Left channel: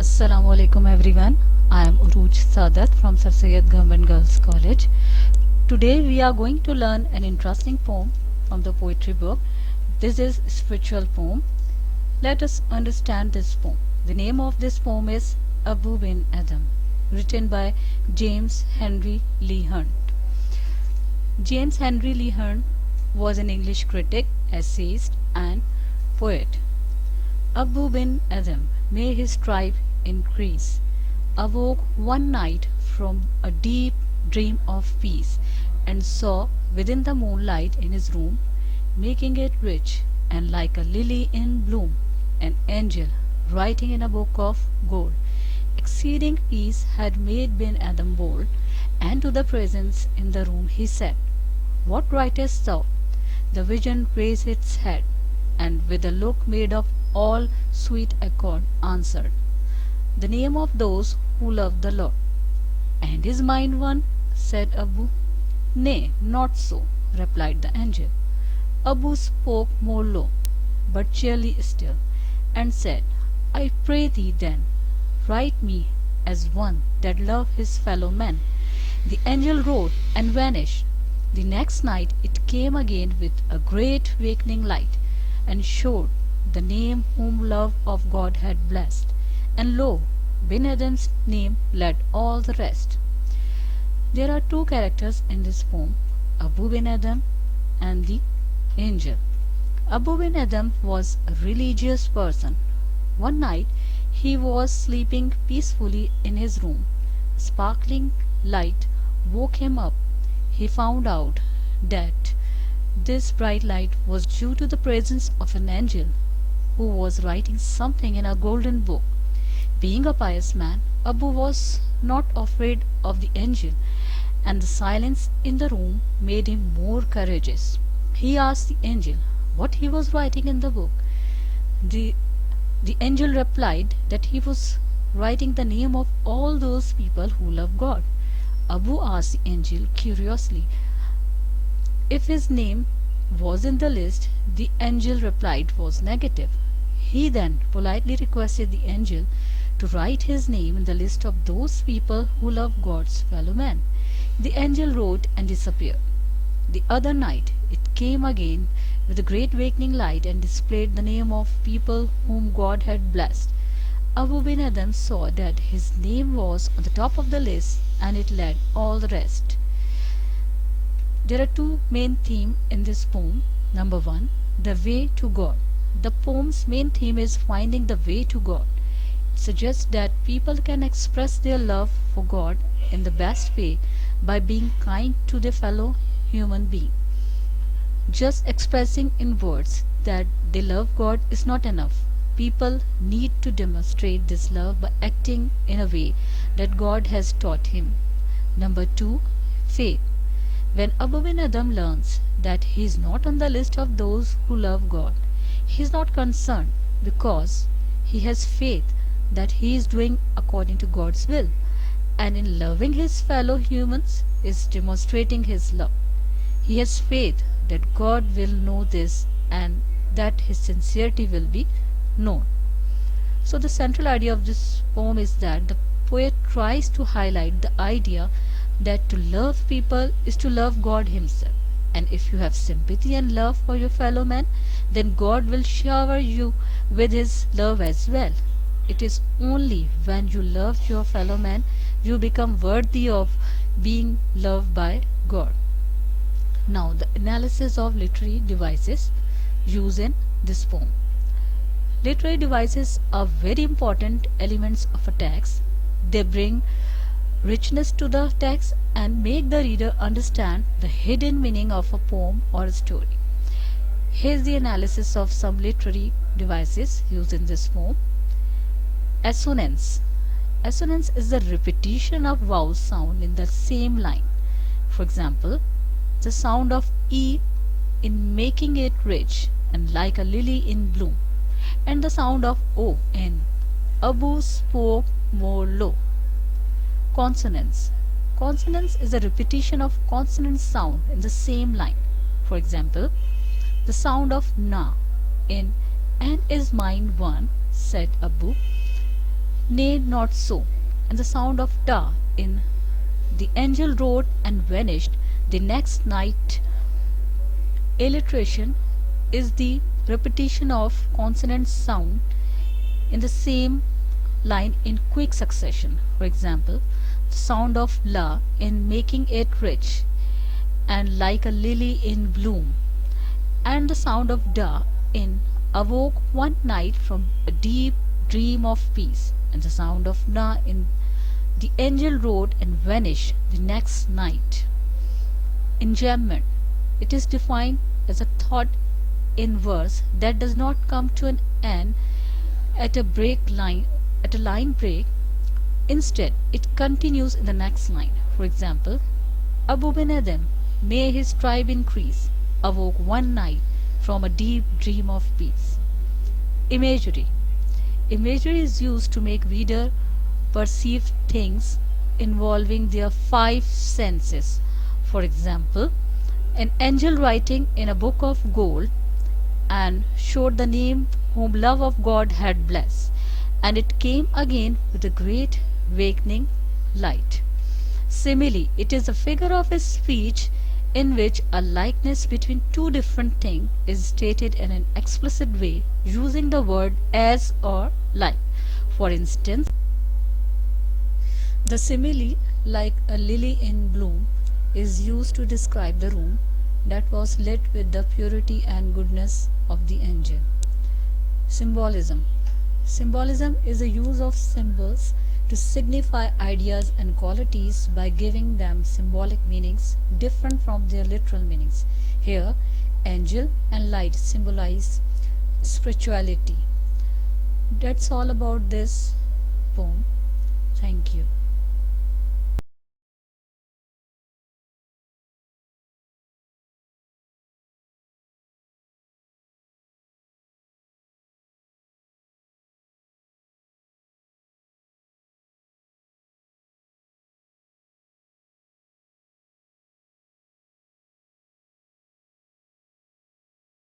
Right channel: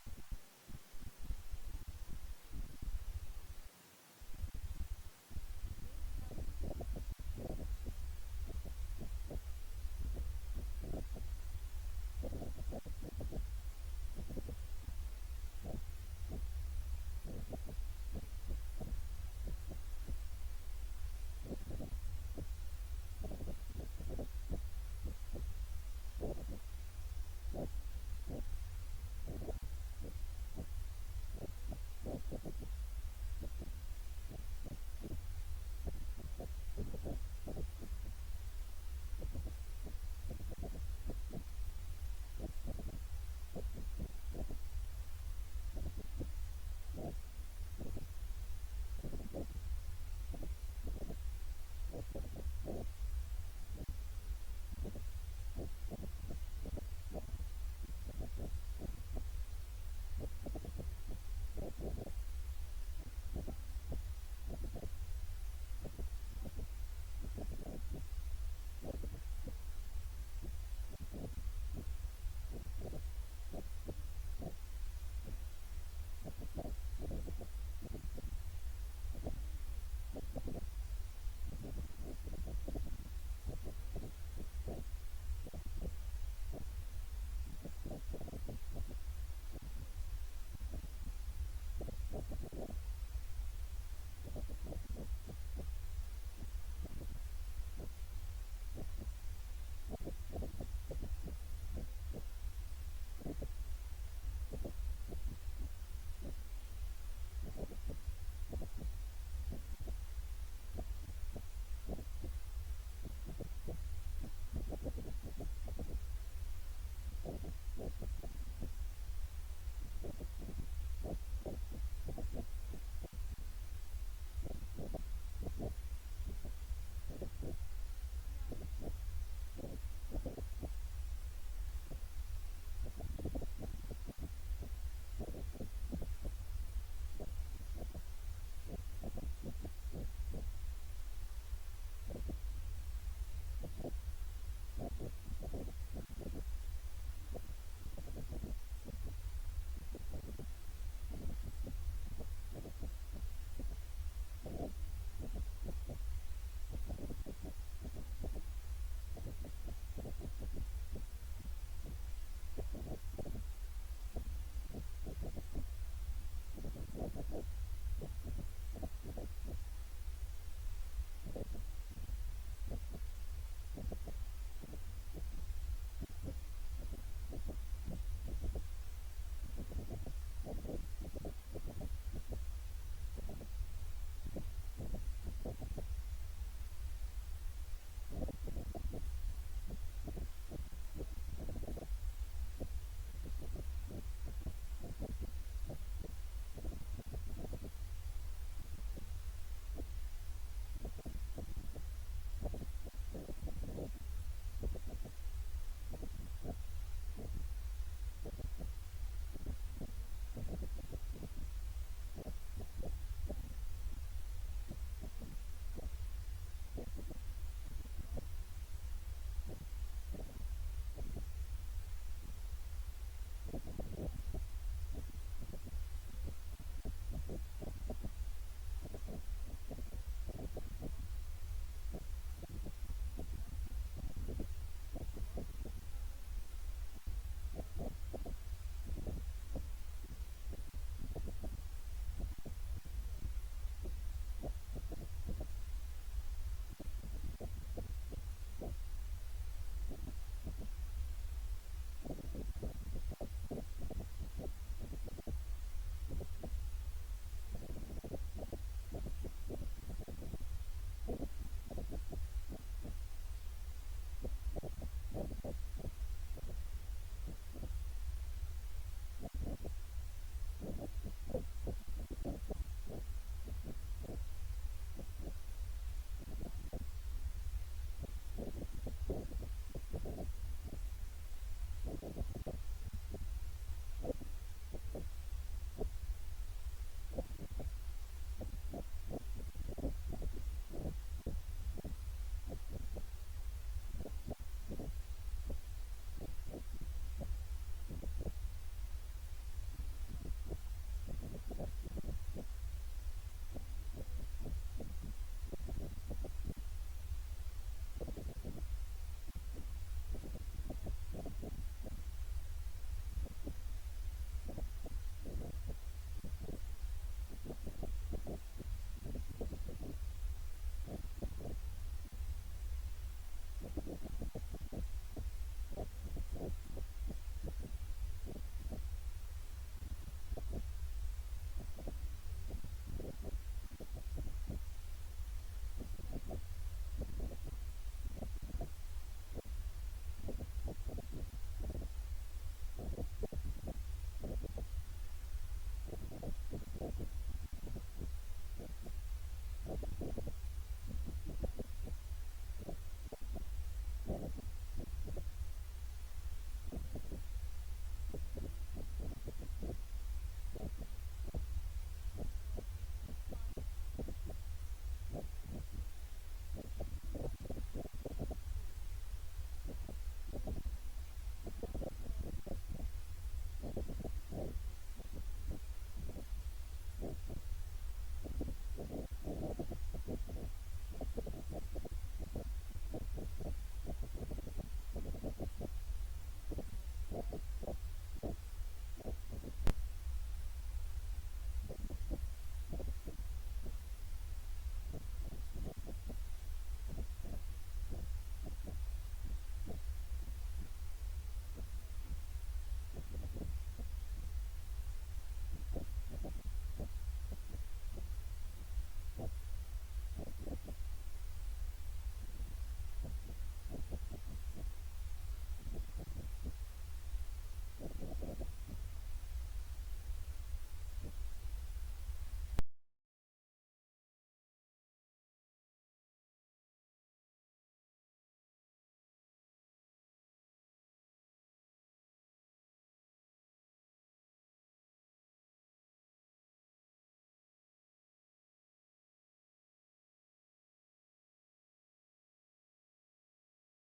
Assalamu alaikum everyone. I am Urooj Saadat from Syed Govt.Girls College. Today we are going to learn an interesting poem from the poetry book. This is a spiritual poem. Let us understand this poem. The name of this poem is Abou bin Adhem, written by James Henry Lee Hunt. James Henry Lee Hunt was an English critic, essayist and poet. Abou bin Adhem, may his tribe increase, awoke one night from a deep dream of peace, and saw within the moonlight in his room, making it rich and like a lily in bloom, an angel writing in a book of gold. Exceeding peace had made bin Adhem bold, and to the presence in the room he said, "What writest thou?" The vision raised its head, and with a look made of all sweet accord answered, "The name of those who love the Lord." "And is mine one?" said Abou. "Nay, not so," replied the angel. Abou spoke more low, but cheerly still, and said, "I pray thee then, write me as one that love his fellow men." The angel wrote and vanished. The next night it came again with a great awakening light, and showed the name whom love of God had blessed. And lo, bin Adhem's name led all the rest. There are two characters in this poem, Abou bin Adhem and the angel. Abou bin Adhem was a religious person. One night he was sleeping peacefully in his room. A sparkling light woke him up. He found out that this bright light was due to the presence of an angel who was writing something in a golden book. Being a pious man, Abou was not afraid of the angel, and the silence in the room made him more courageous. He asked the angel what he was writing in the book. The, the angel replied that he was writing the name of all those people who love God. Abou asked the angel curiously if his name was in the list. The angel replied was negative. He then politely requested the angel to write his name in the list of those people who love God's fellow men. The angel wrote and disappeared. The other night it came again with a great awakening light and displayed the name of people whom God had blessed. Abou bin Adhem saw that his name was on the top of the list, and it led all the rest. There are two main themes in this poem. Number one, the way to God. The poem's main theme is finding the way to God. It suggests that people can express their love for God in the best way by being kind to their fellow human being. Just expressing in words that they love God is not enough. People need to demonstrate this love by acting in a way that God has taught him. Number two, faith. When Abou bin Adhem learns that he is not on the list of those who love God, he is not concerned because he has faith that he is doing according to God's will, and in loving his fellow humans is demonstrating his love. He has faith that God will know this and that his sincerity will be known. So the central idea of this poem is that the poet tries to highlight the idea that to love people is to love God himself. And if you have sympathy and love for your fellow men, then God will shower you with his love as well. It is only when you love your fellow man you become worthy of being loved by God. Now the analysis of literary devices used in this poem. Literary devices are very important elements of a text. They bring richness to the text and make the reader understand the hidden meaning of a poem or a story. Here's the analysis of some literary devices used in this poem. Assonance. Assonance is the repetition of vowel sound in the same line. For example, the sound of E in making it rich and like a lily in bloom, and the sound of O in Abou spoke more low. Consonance. Consonance is a repetition of consonant sound in the same line. For example, the sound of Na in "And is mine one," said Abou, Nay, not so. And the sound of da in the angel rode and vanished the next night. Alliteration is the repetition of consonant sound in the same line in quick succession. For example, the sound of la in making it rich and like a lily in bloom, and the sound of da in awoke one night from a deep dream of peace, and the sound of na in the angel rode and vanished the next night. Enjambment. It is defined as a thought in verse that does not come to an end at a break line at a line break. Instead, it continues in the next line. For example, Abou bin Adhem, may his tribe increase, awoke one night from a deep dream of peace. Imagery. Imagery is used to make reader perceive things involving their five senses. For example, an angel writing in a book of gold and showed the name whom love of God had blessed, and it came again with a great awakening light. Simile, it is a figure of a speech in which a likeness between two different things is stated in an explicit way using the word as or like. For instance, the simile, like a lily in bloom, is used to describe the room that was lit with the purity and goodness of the angel. Symbolism. Symbolism is the use of symbols to signify ideas and qualities by giving them symbolic meanings different from their literal meanings. Here, angel and light symbolize spirituality. That's all about this poem. Thank you.